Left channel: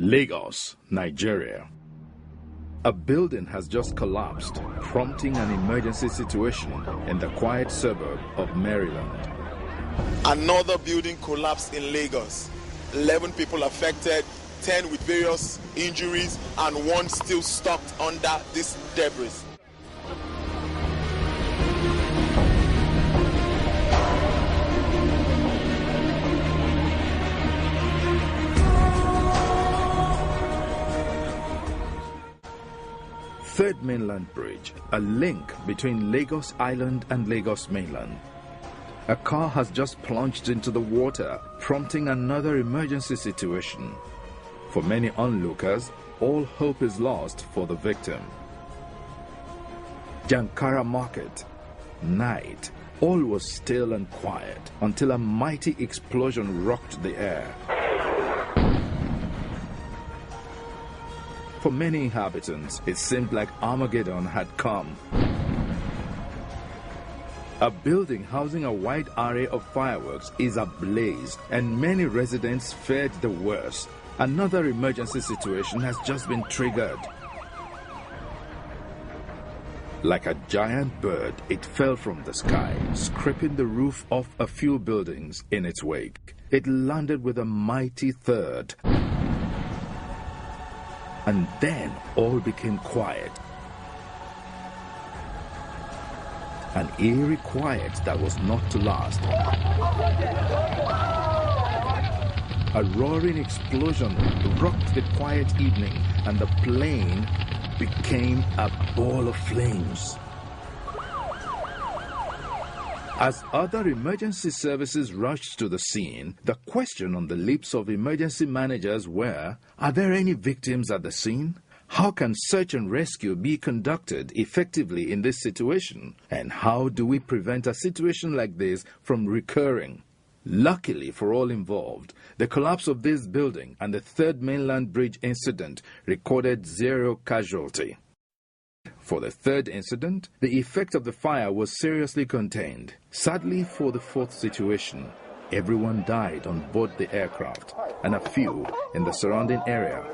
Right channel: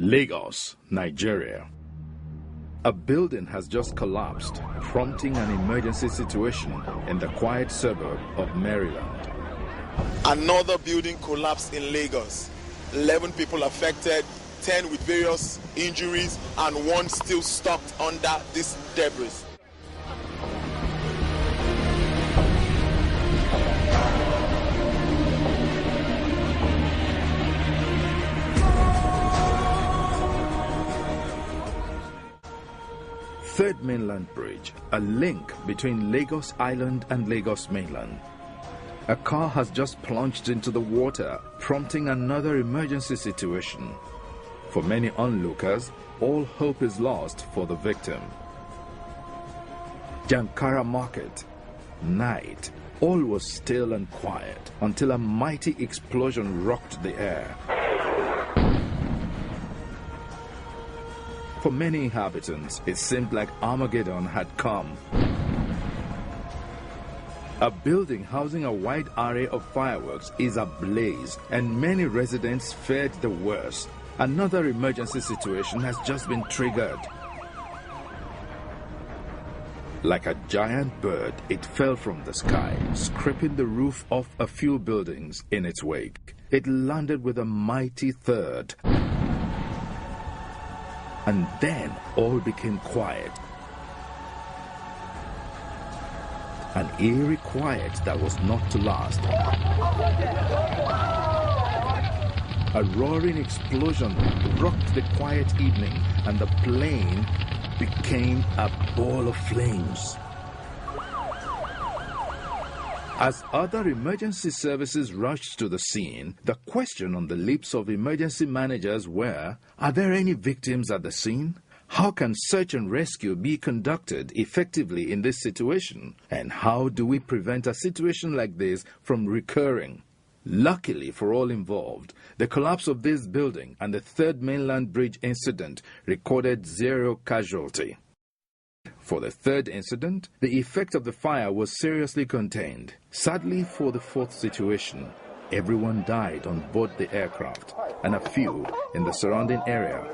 Lagos, Nigeria. A building has just collapsed, prompting an emergency situation in the quiet suburb of Maryland. Another building collapsed in Lagos. 11 people affected, 10 with various injuries, and 1 still stuck under this debris. Third Mainland Bridge, a link between Lagos Island and Lagos Mainland. A car has just plunged into the water, prompting another emergency situation. For many onlookers, all hope is lost for the victim. Jankara Market, night. All was still and quiet until a mighty explosion rocked the air. For many inhabitants, it seemed like Armageddon had come. A building housing a wide array of fireworks is ablaze, and many residents feared the worst. Another emergency situation has just been triggered. Like a giant bird, it fell from the sky, scraping the roof off a few buildings in its wake. It landed with a mighty thud. And then all became quiet. An eerie quiet that was not to last. A roaring explosion rocked the quiet evening, and the plane became a ball of flames. As other emergency services rushed to the scene, the question on the lips of emergency managers were, are there any victims at the scene? How can search and rescue be conducted effectively in this situation? And how do we prevent a situation like this from recurring? Luckily for all involved, the collapse of this building and the Third Mainland Bridge incident recorded 0 casualty. For the third incident, the effect of the fire was seriously contained. Sadly for the fourth situation, everyone died on board the aircraft and a few in the surrounding area.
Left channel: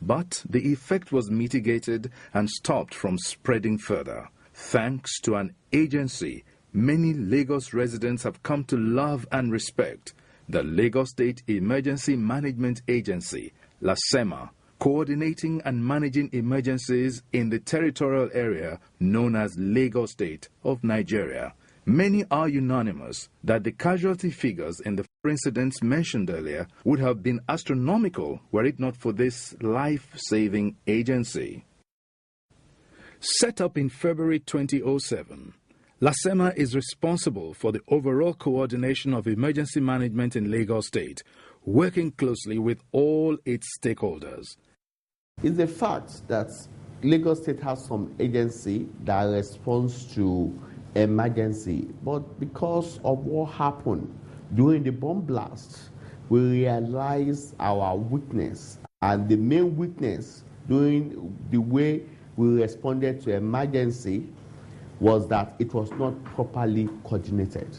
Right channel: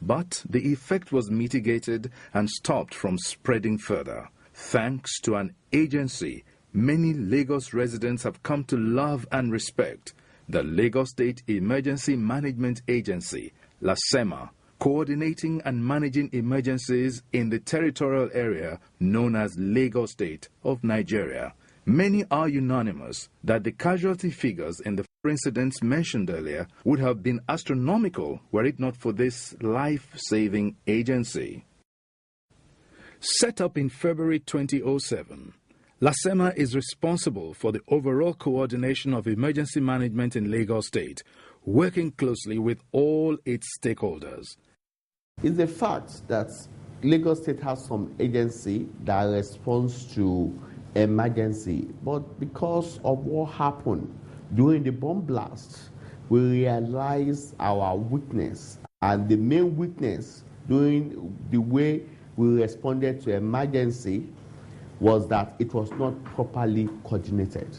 But the effect was mitigated and stopped from spreading further. Thanks to an agency many Lagos residents have come to love and respect, the Lagos State Emergency Management Agency, LASEMA, coordinating and managing emergencies in the territorial area known as Lagos State of Nigeria. Many are unanimous that the casualty figures in the incidents mentioned earlier would have been astronomical were it not for this life-saving agency. Set up in February 2007, LASEMA is responsible for the overall coordination of emergency management in Lagos State, working closely with all its stakeholders. It's a fact that Lagos State has some agency that responds to emergency, but because of what happened during the bomb blast, we realized our weakness, and the main weakness during the way we responded to emergency was that it was not properly coordinated.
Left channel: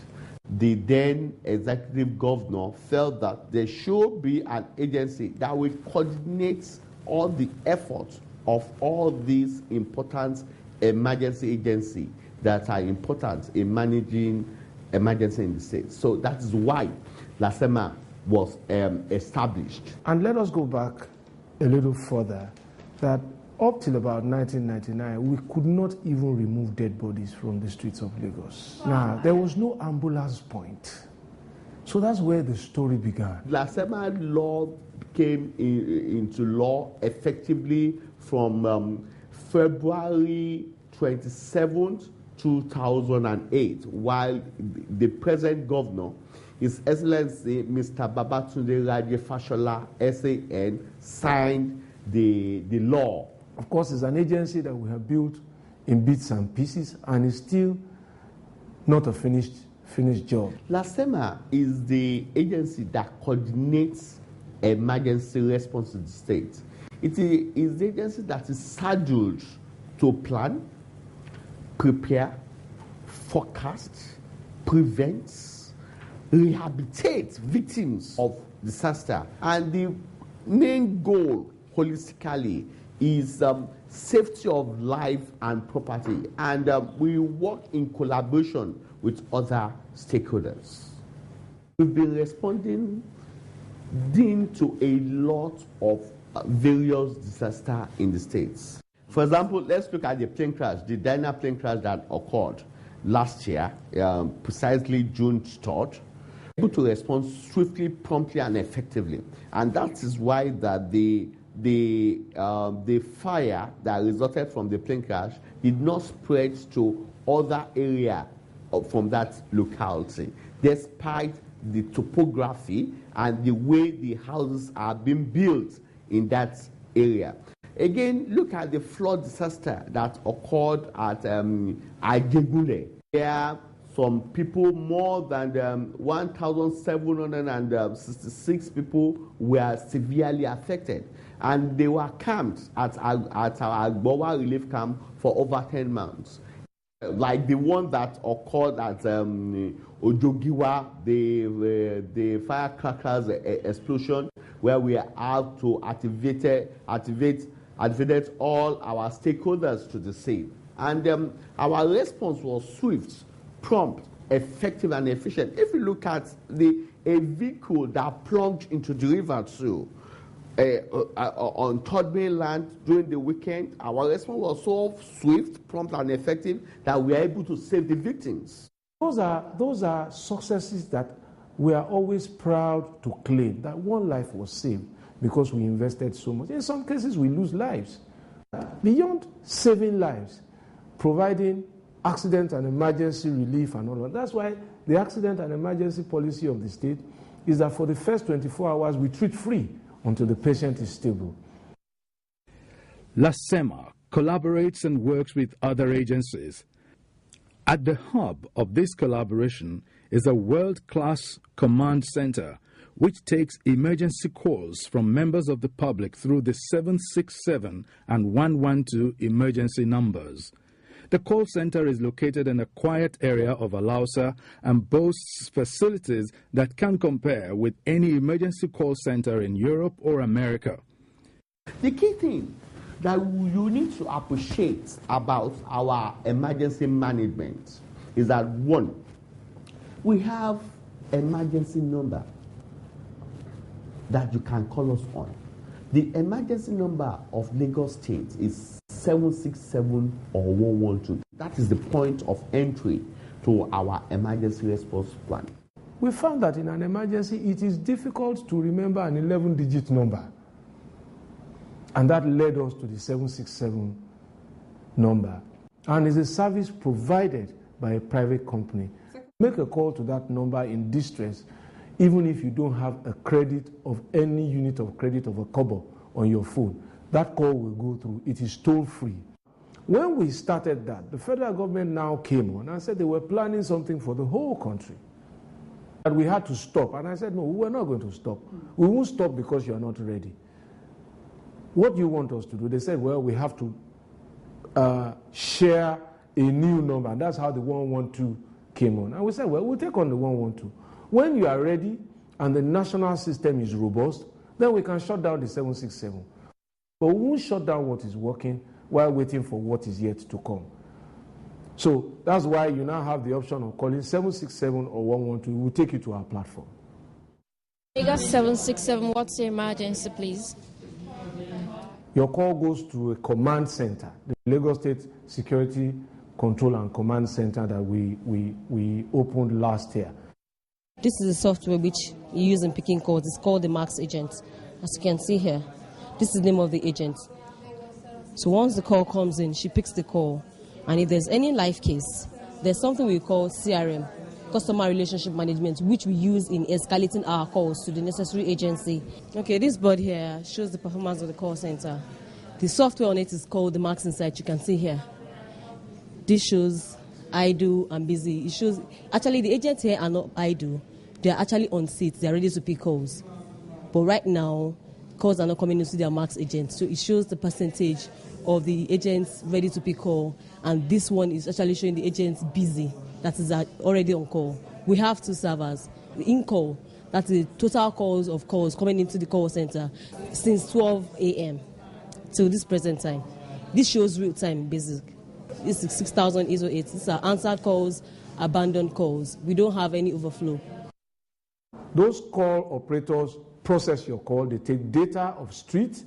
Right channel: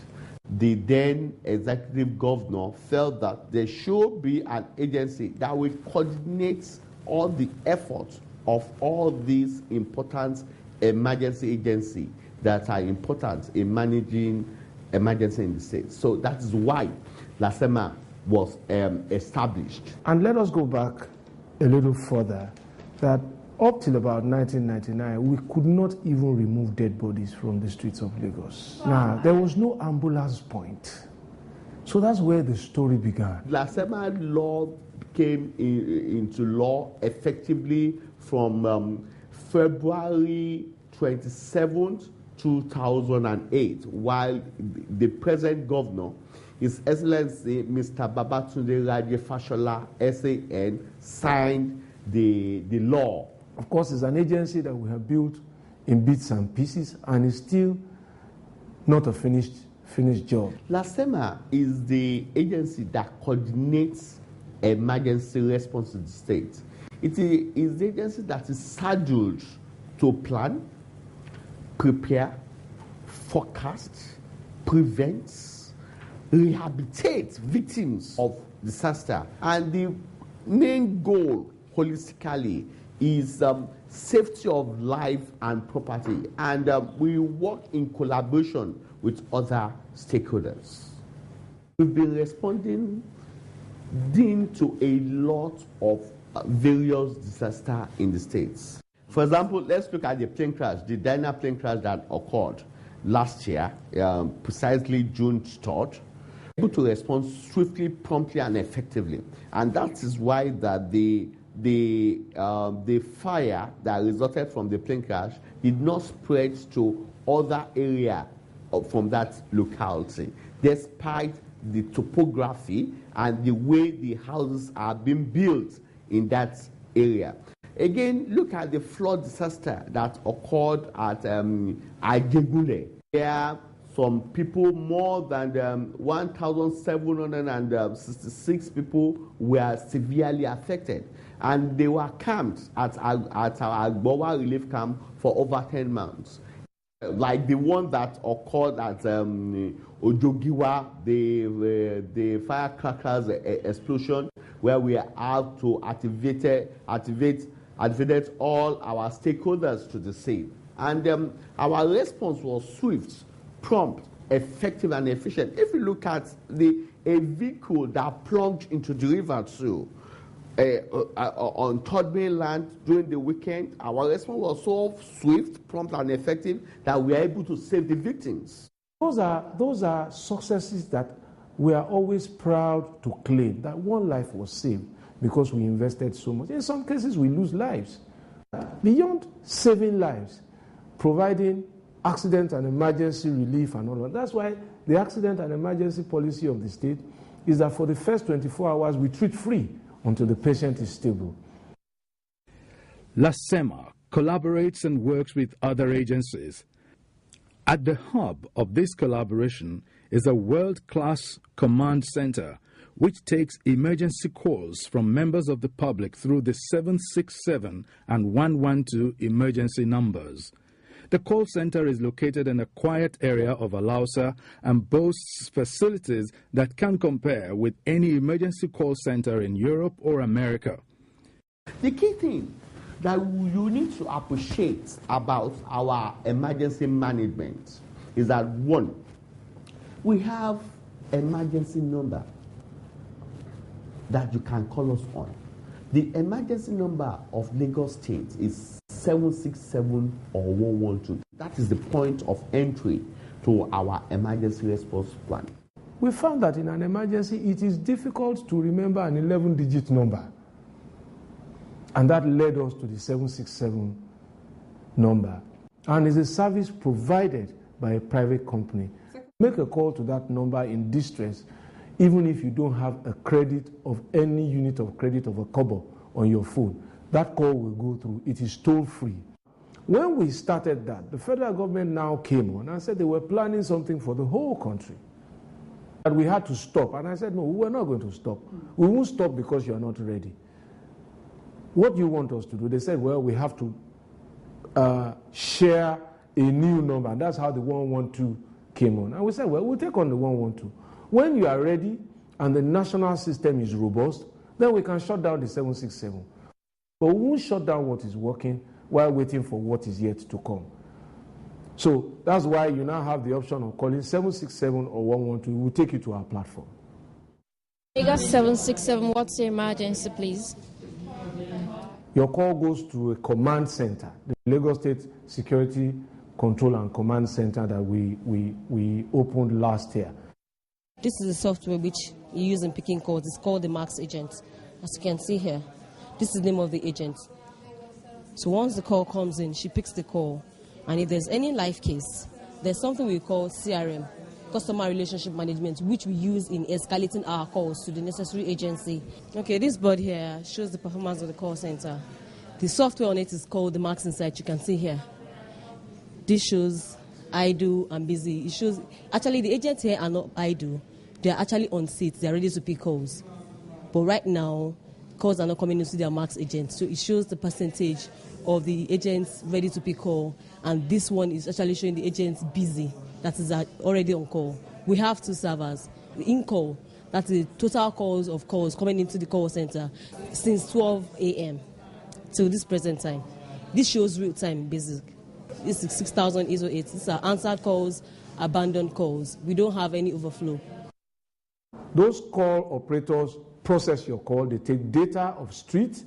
The then executive governor felt that there should be an agency that will coordinate all the efforts of all these important emergency agencies that are important in managing emergency in the state. So that is why LASEMA was established. And let us go back a little further, that Up till about 1999, we could not even remove dead bodies from the streets of Lagos. Now, there was no ambulance point. So that's where the story began. Lasema law came into law effectively from February 27th, 2008, while the present governor, His Excellency Mr. Babatunde Raje Fashola, SAN, signed the law. Of course, it's an agency that we have built in bits and pieces, and it's still not a finished job. Lasema is the agency that coordinates emergency response to the state. It is the agency that is scheduled to plan, prepare, forecast, prevent, rehabilitate victims of disaster. And the main goal, holistically, is safety of life and property. And we work in collaboration with other stakeholders. We've been responding to a lot of various disasters in the states. For example, let's look at the plane crash, the Dyna plane crash that occurred last year, precisely June 3rd. Able to respond swiftly, promptly, and effectively. And that is why that the fire that resulted from the plane crash did not spread to other areas from that locality, despite the topography and the way the houses are being built in that area. Again, look at the flood disaster that occurred at Ajegunle. There, some people, more than 1,766 people were severely affected. And they were camped at our Agbowa relief camp for over 10 months. Like the one that occurred at Ojogiwa, the firecrackers explosion, where we have to activate all our stakeholders to the scene. And our response was swift, prompt, effective, and efficient. If you look at a vehicle that plunged into the river too, on Third Mainland during the weekend, our response was so swift, prompt, and effective that we are able to save the victims. Those are successes that we are always proud to claim, that one life was saved because we invested so much. In some cases, we lose lives. Beyond saving lives, providing accident and emergency relief and all of that. That's why the accident and emergency policy of the state is that for the first 24 hours, we treat free until the patient is stable. Lasema collaborates and works with other agencies. At the hub of this collaboration is a world-class command center which takes emergency calls from members of the public through the 767 and 112 emergency numbers. The call center is located in a quiet area of Alausa and boasts facilities that can compare with any emergency call center in Europe or America. The key thing that you need to appreciate about our emergency management is that, one, we have emergency number that you can call us on. The emergency number of Lagos State is 767 or 112. That is the point of entry to our emergency response plan. We found that in an emergency, it is difficult to remember an 11-digit number. And that led us to the 767 number. And it's a service provided by a private company. Make a call to that number in distress, even if you don't have a credit of any unit of credit of a kobo on your phone. That call will go through. It is toll-free. When we started that, the federal government now came on and said they were planning something for the whole country. And we had to stop. And I said, no, we're not going to stop. We won't stop because you're not ready. What do you want us to do? They said, well, we have to share a new number. And that's how the 112 came on. And we said, well, we'll take on the 112. When you are ready and the national system is robust, then we can shut down the 767. But we won't shut down what is working while waiting for what is yet to come. So that's why you now have the option of calling 767 or 112. We'll take you to our platform. Lagos 767, what's the emergency, please? your call goes to a command center, the Lagos State Security Control and Command Center that we opened last year. This is the software which you use in picking calls. It's called the Max Agent. As you can see here, this is the name of the agent. So once the call comes in, she picks the call. And if there's any live case, there's something we call CRM, Customer Relationship Management, which we use in escalating our calls to the necessary agency. Okay, this board here shows the performance of the call center. The software on it is called the Max Insight. You can see here. This shows idle and busy. It shows, actually the agents here are not idle. They are actually on seats. They are ready to pick calls. But right now, calls are not coming into their Max Agent. So it shows the percentage of the agents ready to pick call. And this one is actually showing the agents busy, that is already on call. We have two servers. The in-call, that's the total calls coming into the call center since 12 a.m. till this present time. This shows real-time basic. This is 6808. These are answered calls, abandoned calls. We don't have any overflow. Those call operators process your call. They take data of street,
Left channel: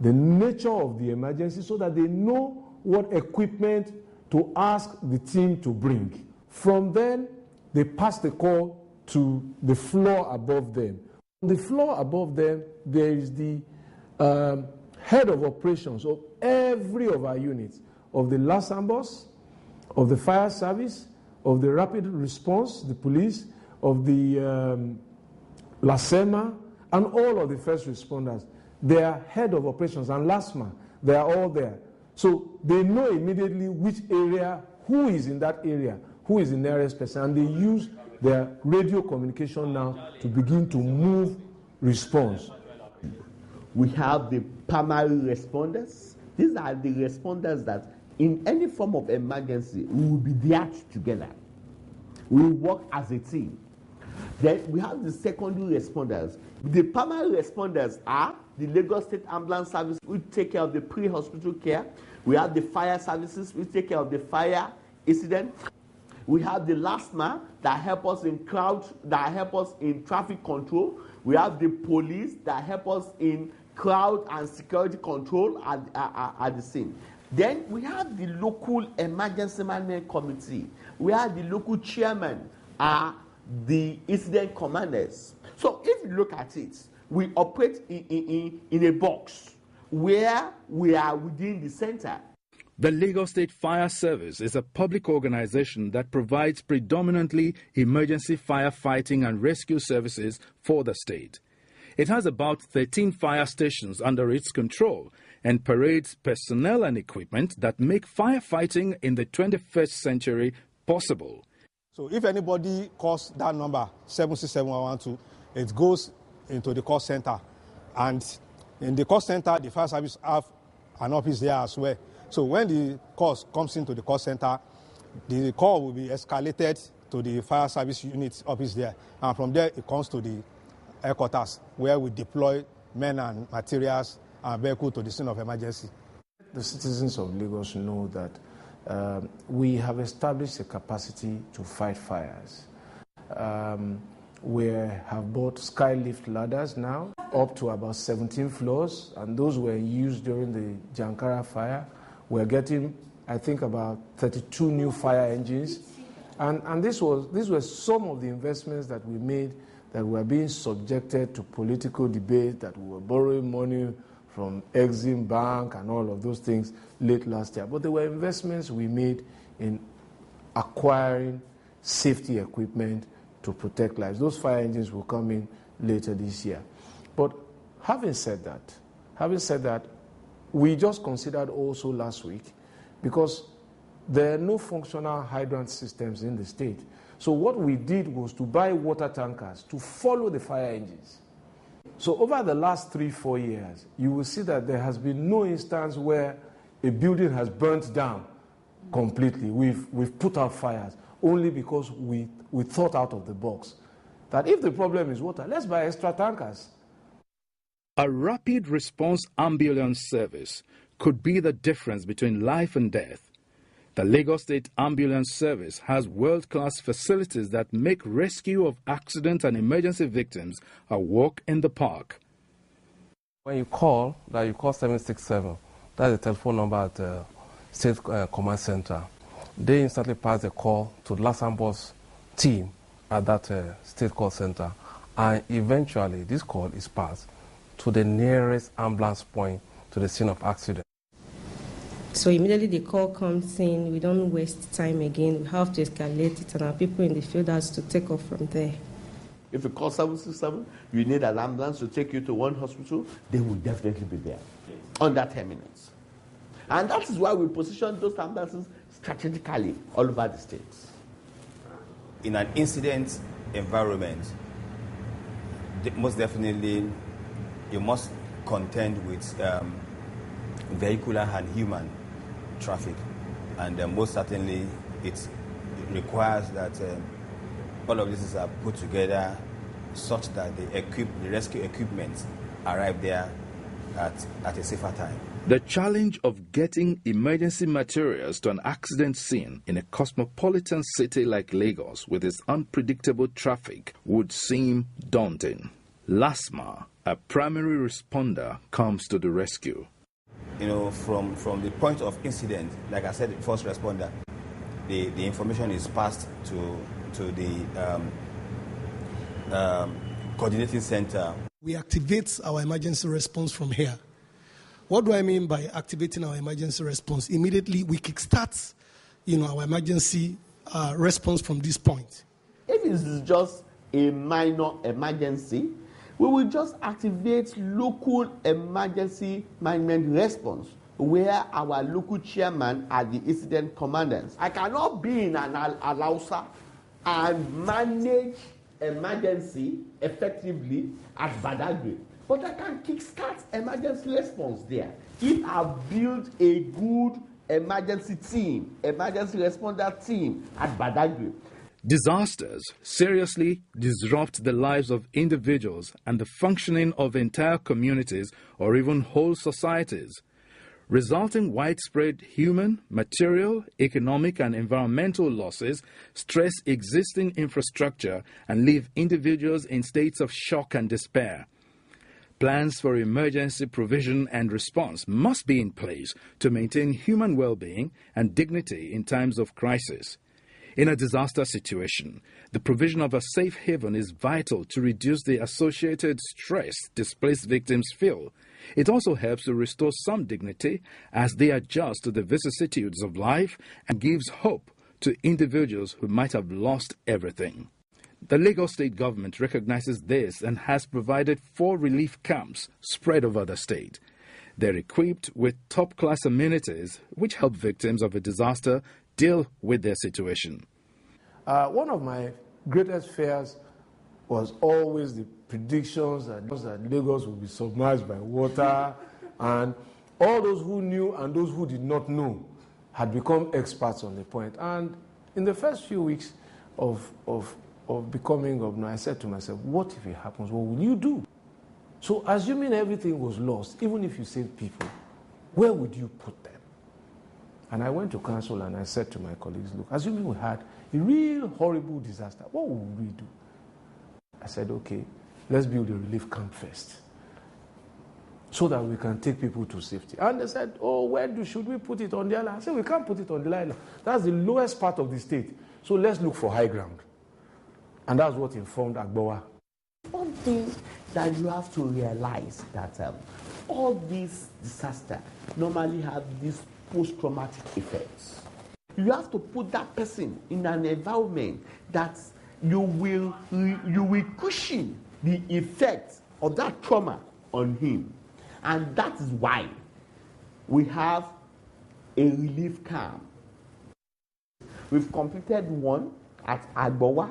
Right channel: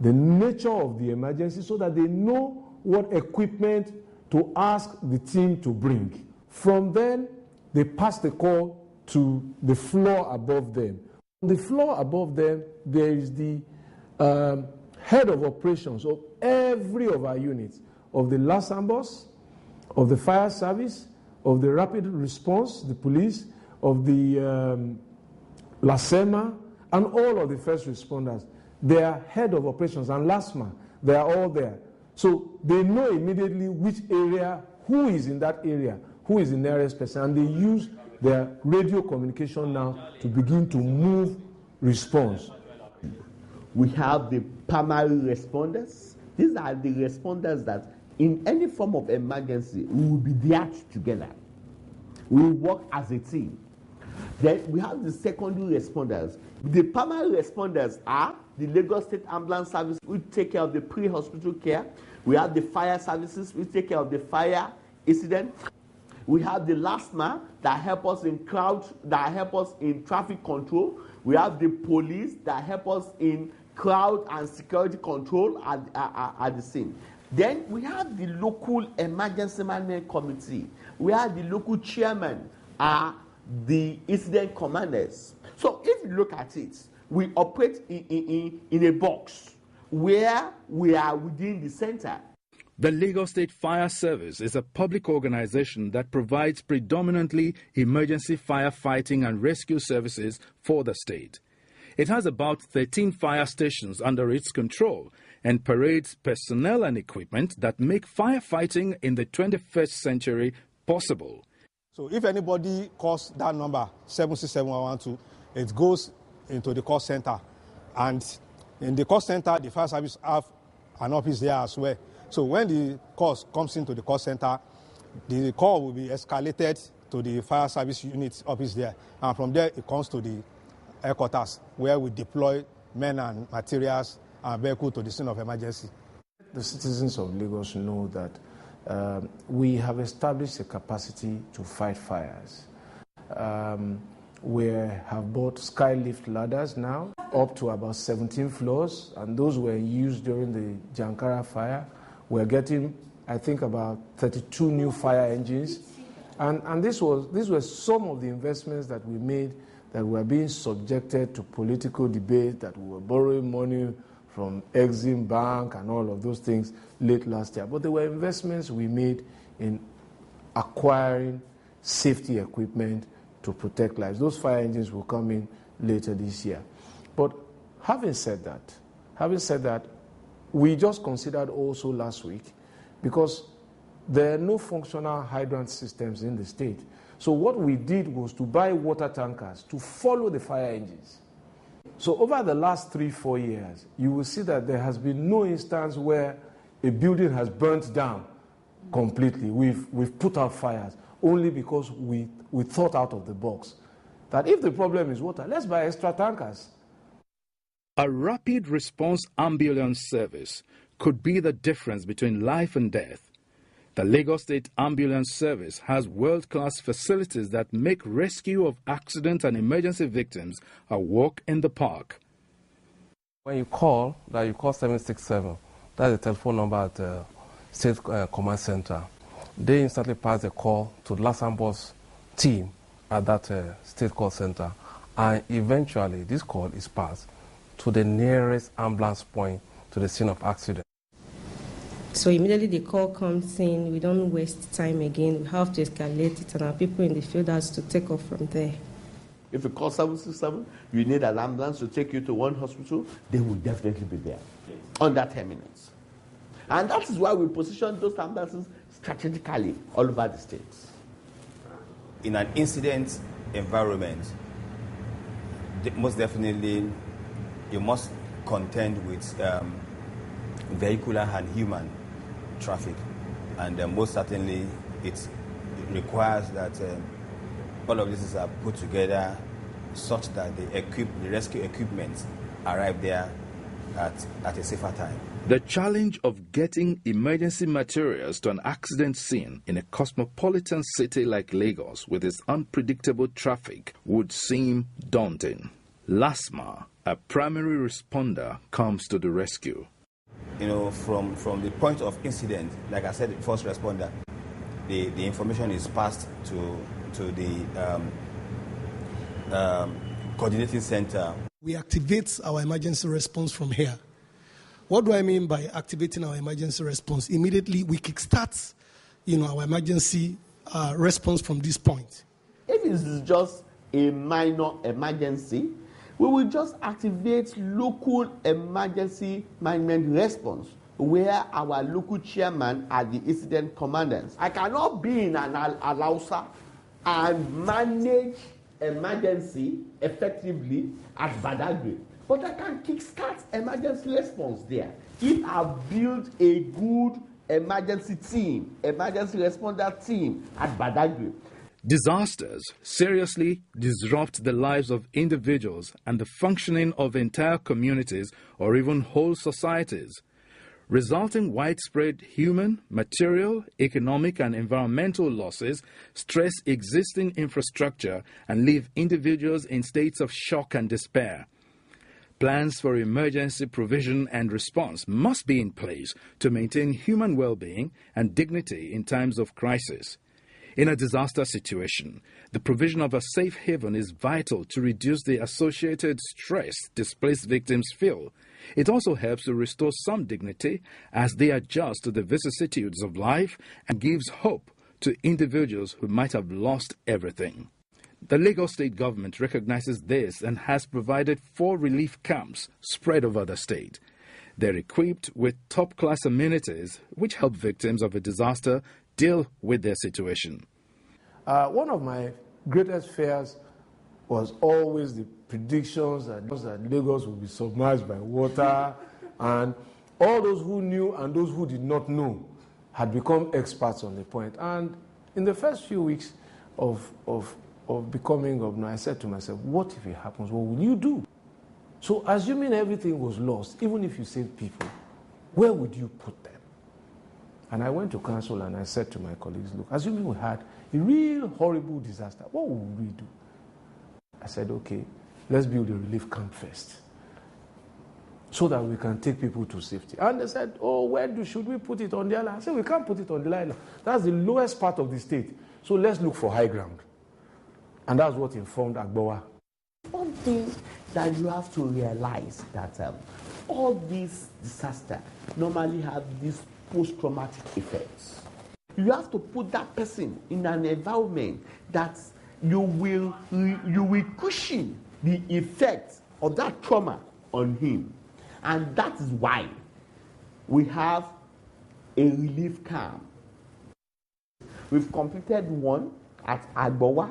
the nature of the emergency, so that they know what equipment to ask the team to bring. From then, they pass the call to the floor above them. On the floor above them, there is the head of operations of every of our units, of the LASAMBOS, of the fire service, of the rapid response, the police, of the LASEMA, and all of the first responders. They are head of operations, and LASMA, they are all there. So they know immediately which area, who is in that area, who is the nearest person, and they use their radio communication now to begin to move response. We have the primary responders. These are the responders that in any form of emergency, we will be there together. We will work as a team. Then we have the secondary responders. The primary responders are the Lagos State Ambulance Service, which take care of the pre-hospital care. We have the fire services, which take care of the fire incident. We have the LASMA that help us in traffic control. We have the police that help us in crowd and security control at the scene. Then we have the local emergency management committee. We have the local chairman, the incident commanders. So if you look at it, we operate in a box where we are within the center. The Lagos State Fire Service is a public organization that provides predominantly emergency firefighting and rescue services for the state. It has about 13 fire stations under its control and parades personnel and equipment that make firefighting in the 21st century possible. So if anybody calls that number, 767-112, it goes into the call center. And in the call center, the fire service have an office there as well. So when the call comes into the call center, the call will be escalated to the fire service unit office there. And from there, it comes to the headquarters, where we deploy men and materials and vehicles to the scene of emergency. The citizens of Lagos know that we have established a capacity to fight fires. We have bought skylift ladders now, up to about 17 floors, and those were used during the Jankara fire. We're getting, I think, about 32 new fire engines. And these were some of the investments that we made that were being subjected to political debate, that we were borrowing money from Exim Bank and all of those things late last year. But there were investments we made in acquiring safety equipment to protect lives. Those fire engines will come in later this year. But having said that, we just considered also last week, because there are no functional hydrant systems in the state. So what we did was to buy water tankers to follow the fire engines. So over the last 3-4 years, you will see that there has been no instance where a building has burnt down completely. We've put out fires only because we thought out of the box that if the problem is water, let's buy extra tankers. A rapid response ambulance service could be the difference between life and death. The Lagos State Ambulance Service has world-class facilities that make rescue of accident and emergency victims a walk in the park. When you call 767, that's the telephone number at the State Command Center. They instantly pass the call to the Luxembourg's team at that State Call Center. And eventually, this call is passed to the nearest ambulance point to the scene of accident. So immediately the call comes in, we don't waste time again, we have to escalate it, and our people in the field has to take off from there. If you call 767, you need an ambulance to take you to one hospital, they will definitely be there under 10 minutes. And that is why we position those ambulances strategically all over the states. In an incident environment, most definitely you must contend with vehicular and human traffic. And most certainly it requires that all of this are put together such that the rescue equipment arrive there at a safer time. The challenge of getting emergency materials to an accident scene in a cosmopolitan city like Lagos with its unpredictable traffic would seem daunting. LASMA, a primary responder, comes to the rescue. From the point of incident, like I said, the first responder, the information is passed to the coordinating center. We activate our emergency response from here. What do I mean by activating our emergency response? Immediately we kickstart, our emergency response from this point. If it's just a minor emergency, we will just activate local emergency management response where our local chairman are the incident commanders. I cannot be in an Alausa and manage emergency effectively at Badagry, but I can kickstart emergency response there if I build a good emergency responder team at Badagry. Disasters seriously disrupt the lives of individuals and the functioning of entire communities or even whole societies, resulting widespread human, material, economic, and environmental losses stress existing infrastructure and leave individuals in states of shock and despair. Plans for emergency provision and response must be in place to maintain human well-being and dignity in times of crisis. In a disaster situation, the provision of a safe haven is vital to reduce the associated stress displaced victims feel. It also helps to restore some dignity as they adjust to the vicissitudes of life and gives hope to individuals who might have lost everything. The Lagos State government recognizes this and has provided 4 relief camps spread over the state. They're equipped with top-class amenities which help victims of a disaster deal with their situation. One of my greatest fears was always the predictions that Lagos would be submerged by water, and all those who knew and those who did not know had become experts on the point. And in the first few weeks of becoming governor, I said to myself, what if it happens? What will you do? So assuming everything was lost, even if you saved people, where would you put them? And I went to council and I said to my colleagues, look, assuming we had a real horrible disaster, what would we do? I said, okay, let's build a relief camp first so that we can take people to safety. And they said, oh, should we put it on the island? I said, we can't put it on the island. That's the lowest part of the state. So let's look for high ground. And that's what informed Agbowa. One thing that you have to realize that all these disasters normally have these post-traumatic effects. You have to put that person in an environment that you will cushion the effects of that trauma on him. And that is why we have a relief camp. We've completed one at Agbowa.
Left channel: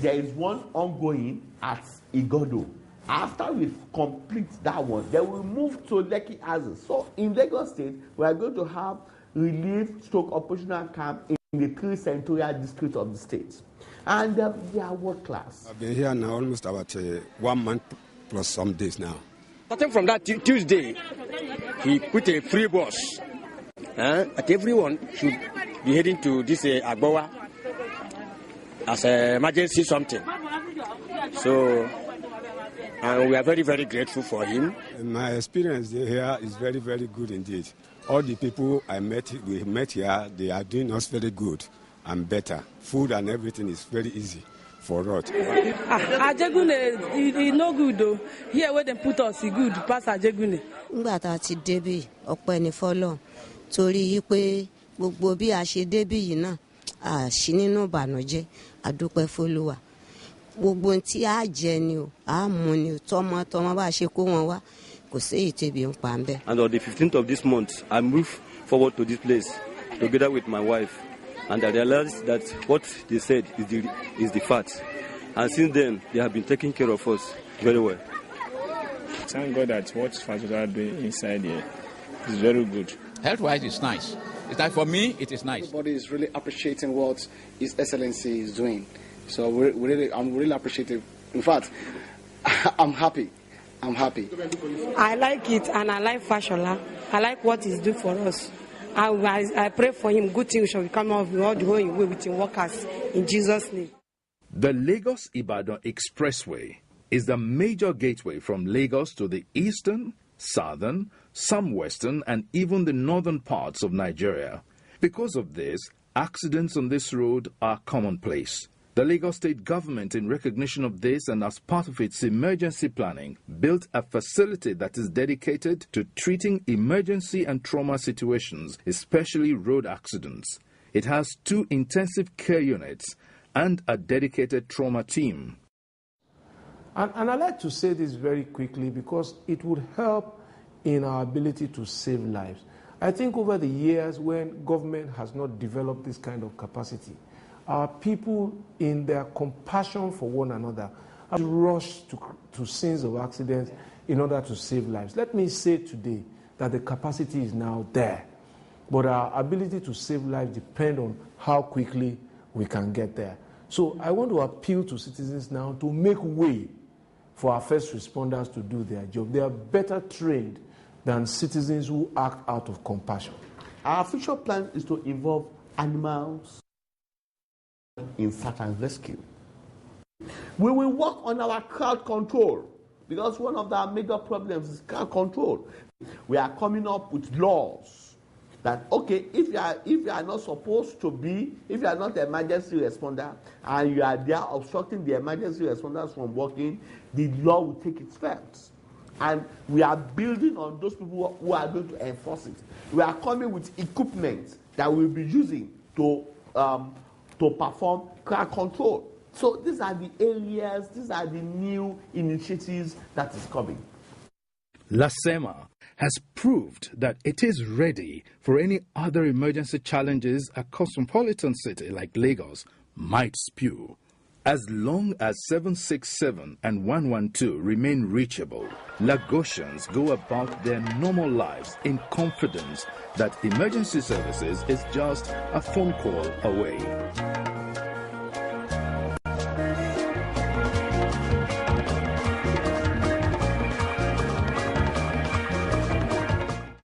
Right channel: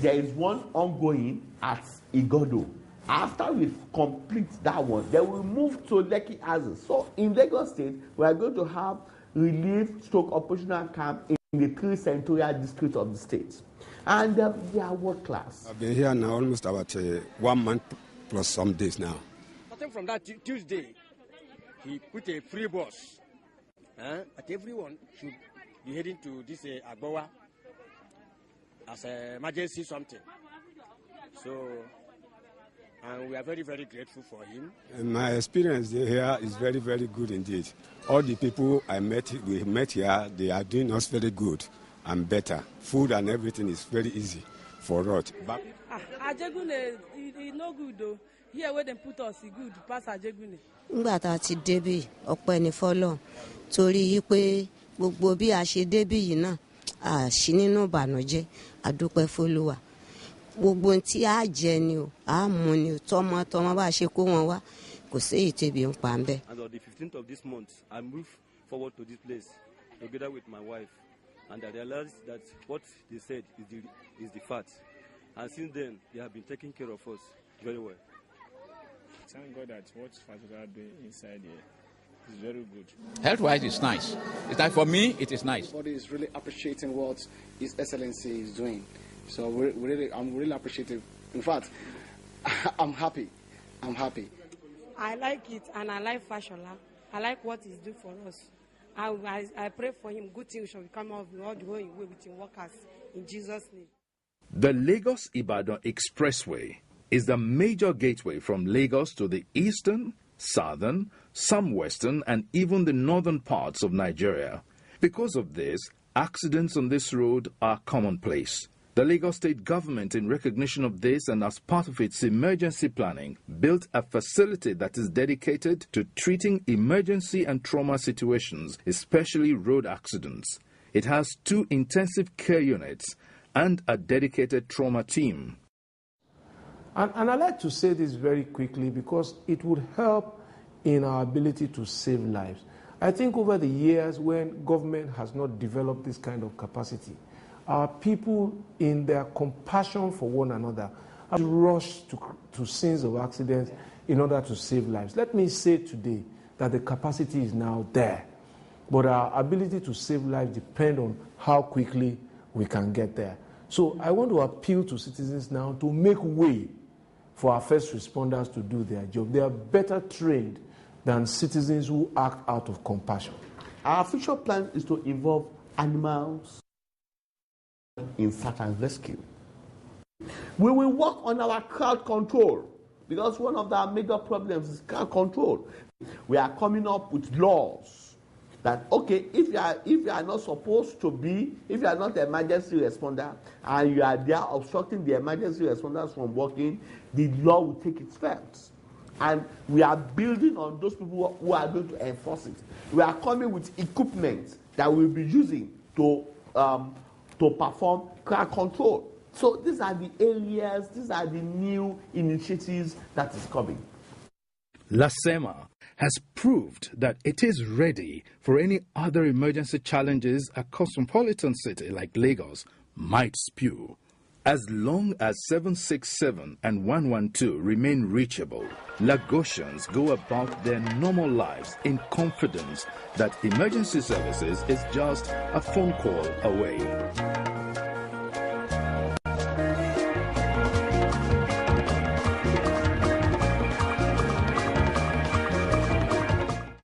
There is one ongoing at Igodo. After we complete that one, then we move to Lekki Azes. So in Lagos State, we are going to have relief/operational camp in the 3 senatorial districts of the state. And they are world class. I've been here now almost about 1 month plus some days now. Starting from that Tuesday, he put a free bus. That everyone should be heading to this Agbowa as an emergency something. So and we are very, very grateful for him. My experience here is very, very good indeed. All the people we met here, they are doing us very good and better. Food and everything is very easy for us. Ajegune is no good though. Here where they put us is good pass Ajegune. Nígbà tá ti débí ọpẹ́ ni fọ́lọ́run torí pé gbogbo bí a ṣe débí yìí náà a ṣì nínú ìbànújẹ́ a dúpẹ́ f'Olúwa. Gbogbo tí a jẹ ni o, a mu ni o, tọmọ bá ṣe kó wọn wá kò séyìí tẹ́bi ń pa ńbẹ̀. And on the 15th of this month, I moved forward to this place together with my wife. And I realized that what they said is the fact. And since then, they have been taking care of us very well. Thank God that what Fatola are doing inside here is very good. Health-wise, it's nice. It's like for me, it is nice. Everybody is really appreciating what His Excellency is doing. So I'm really appreciative. In fact, I'm happy. I like it, and I like Fashola. I like what he's doing for us. I pray for him. Good things shall come out of all the way with his workers in Jesus' name. The Lagos-Ibadan Expressway is the major gateway from Lagos to the eastern, southern, some western, and even the northern parts of Nigeria. Because of this, accidents on this road are commonplace. The Lagos State government, in recognition of this and as part of its emergency planning, built a facility that is dedicated to treating emergency and trauma situations, especially road accidents. It has 2 intensive care units and a dedicated trauma team. And I'd like to say this very quickly because it would help in our ability to save lives. I think over the years when government has not developed this kind of capacity, our people, in their compassion for one another, have rushed to scenes of accidents in order to save lives. Let me say today that the capacity is now there, but our ability to save lives depends on how quickly we can get there. So I want to appeal to citizens now to make way for our first responders to do their job. They are better trained than citizens who act out of compassion. Our future plan is to involve animals in search and rescue. We will work on our crowd control because one of our major problems is crowd control. We are coming up with laws that, okay, if you are not supposed to be, if you are not an emergency responder and you are there obstructing the emergency responders from working, the law will take its effect. And we are building on those people who are going to enforce it. We are coming with equipment that we'll be using to perform crowd control. So these are the areas, these are the new initiatives that is coming. LASEMA has proved that it is ready for any other emergency challenges a cosmopolitan city like Lagos might spew. As long as 767 and 112 remain reachable, Lagosians go about their normal lives in confidence that emergency services is just a phone call away.